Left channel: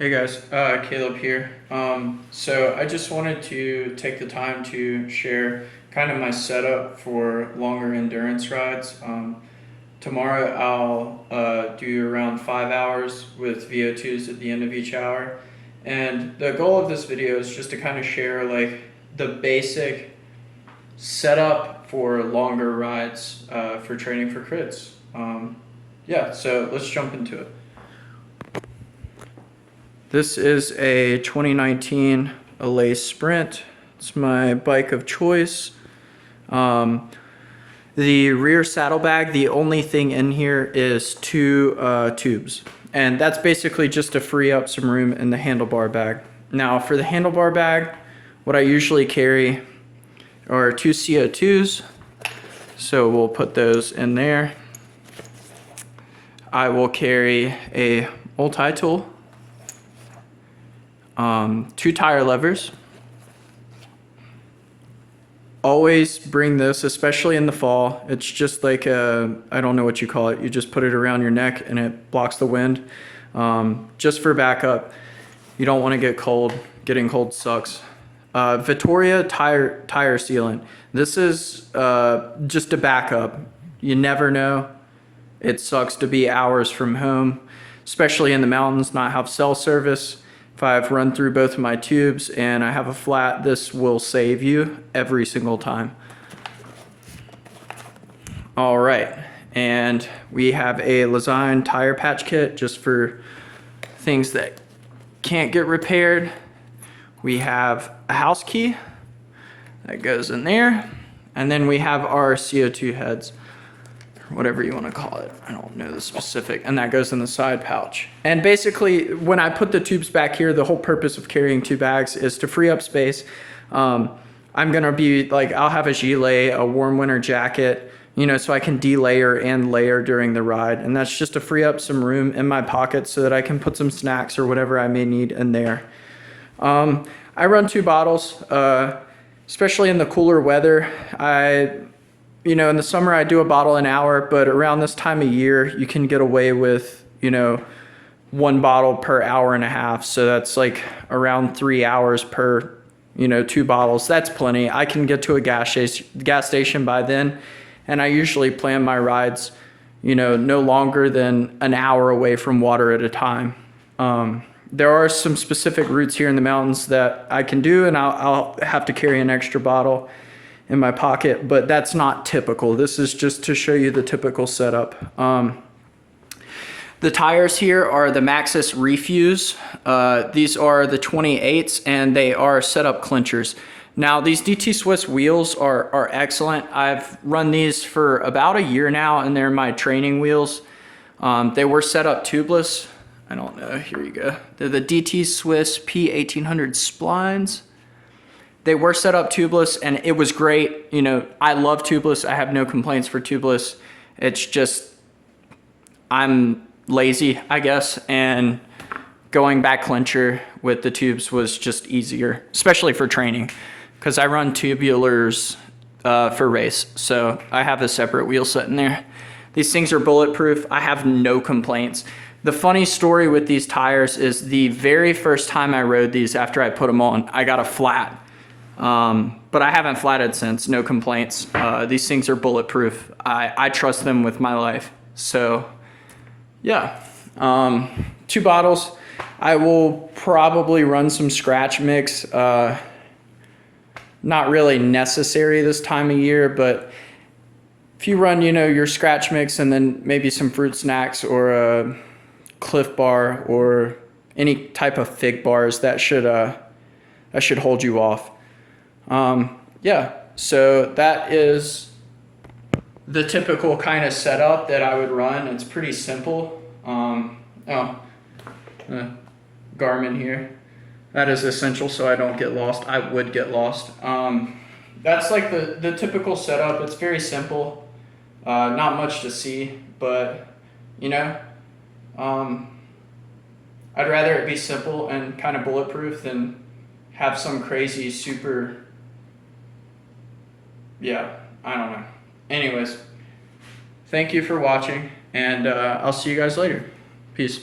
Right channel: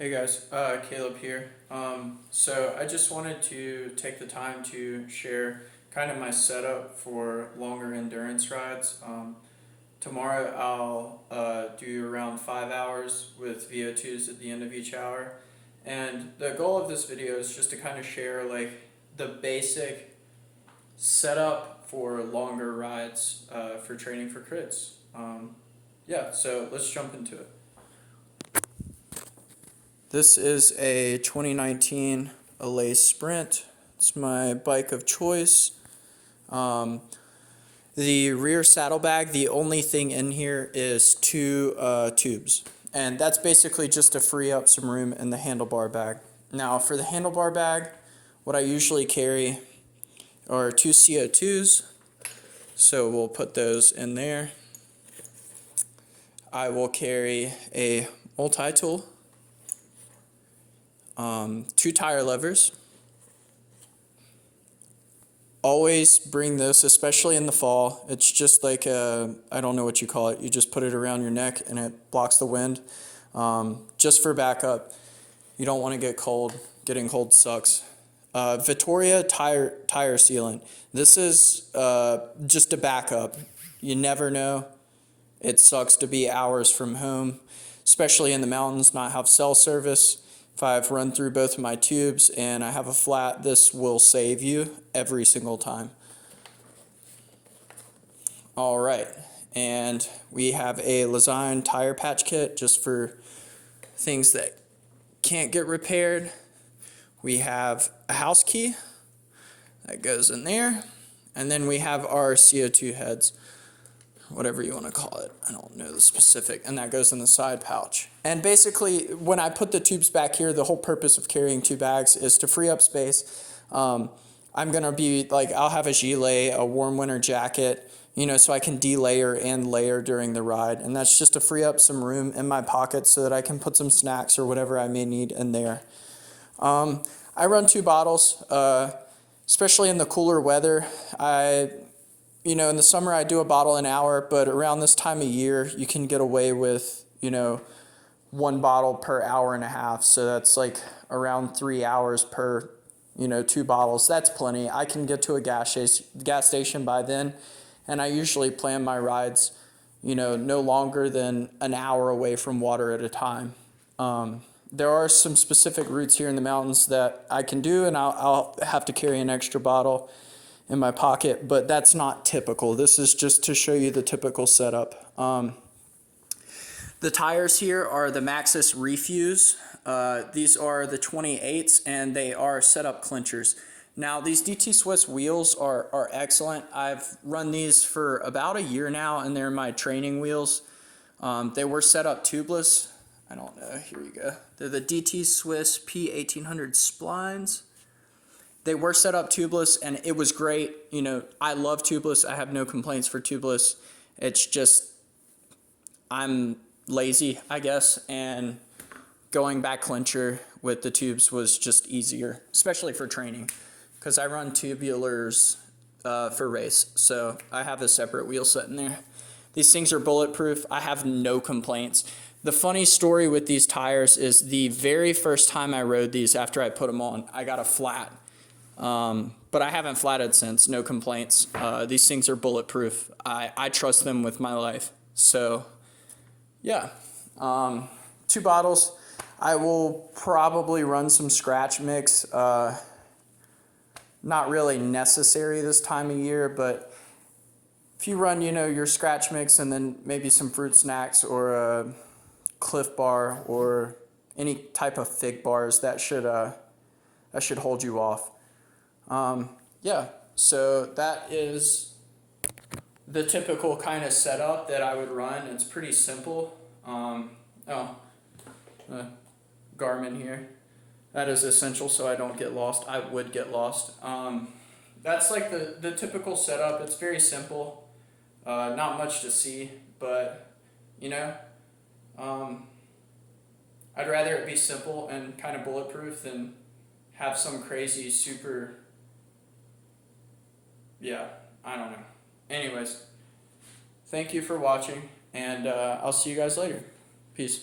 Hey guys, Caleb here. So I just wanted to take the time to share kind of my setup for longer endurance rides. Tomorrow I'll do around 5 hours with VO2s at the end of each hour. And the goal of this video is just to kind of share like the basic setup for longer rides for training for crits. Yeah, so let's jump into it. This is a 2019 Allez Sprint. It's my bike of choice. The rear saddlebag, the only thing in here is two tubes. And that's basically just to free up some room in the handlebar bag. Now for the handlebar bag, what I usually carry are two CO2s. So we'll put those in there. I will carry a multi-tool. Two tire levers. Always bring this, especially in the fall. It's just like I don't know what you call it. You just put it around your neck and it blocks the wind. Just for backup. You don't want to get cold. Getting cold sucks. Vittoria tire sealant. This is just a backup. You never know. It sucks to be hours from home, especially in the mountains, not have cell service. If I've run through both of my tubes and I have a flat, this will save you every single time. All right, and we have a Lezyne tire patch kit just for things that can't get repaired. We have a house key that goes in there, and then we have our CO2 heads, whatever you want to call it. I don't know the specific, and that goes in the side pouch. And basically, when I put the tubes back here, the whole purpose of carrying two bags is to free up space. I'm gonna be like, I'll have a gilet, a warm winter jacket, you know, so I can delayer and layer during the ride. And that's just to free up some room in my pocket so that I can put some snacks or whatever I may need in there. I run two bottles, especially in the cooler weather. You know, in the summer I do a bottle an hour, but around this time of year, you can get away with, you know, one bottle per hour and a half. So that's like around 3 hours per, you know, two bottles. That's plenty. I can get to a gas station by then. And I usually plan my rides, you know, no longer than an hour away from water at a time. There are some specific routes here in the mountains that I can do, and I'll have to carry an extra bottle in my pocket, but that's not typical. This is just to show you the typical setup. The tires here are the Maxxis Refuse. These are the 28s, and they are setup clinchers. Now, these DT Swiss wheels are excellent. I've run these for about a year now, and they're my training wheels. They were set up tubeless. I don't know, here you go. They're the DT Swiss P1800 splines. They were set up tubeless, and it was great. You know, I love tubeless. I have no complaints for tubeless. It's just, I'm lazy, I guess, and going back clincher with the tubes was just easier, especially for training, because I run tubulars for race, so I have a separate wheel set in there. These things are bulletproof. I have no complaints. The funny story with these tires is the very first time I rode these after I put them on, I got a flat. But I haven't flatted since, no complaints. These things are bulletproof. I trust them with my life. So yeah, two bottles. I will probably run some scratch mix. Not really necessary this time of year, but if you run, you know, your scratch mix and then maybe some fruit snacks or a Cliff Bar or any type of fig bars, that should hold you off. Yeah, so that is the typical kind of setup that I would run. It's pretty simple. Garmin here. That is essential so I don't get lost. I would get lost. That's like the typical setup. It's very simple. Not much to see, but you know, I'd rather it be simple and kind of bulletproof than have some crazy super, yeah, I don't know. Anyways, thank you for watching, and I'll see you guys later. Peace.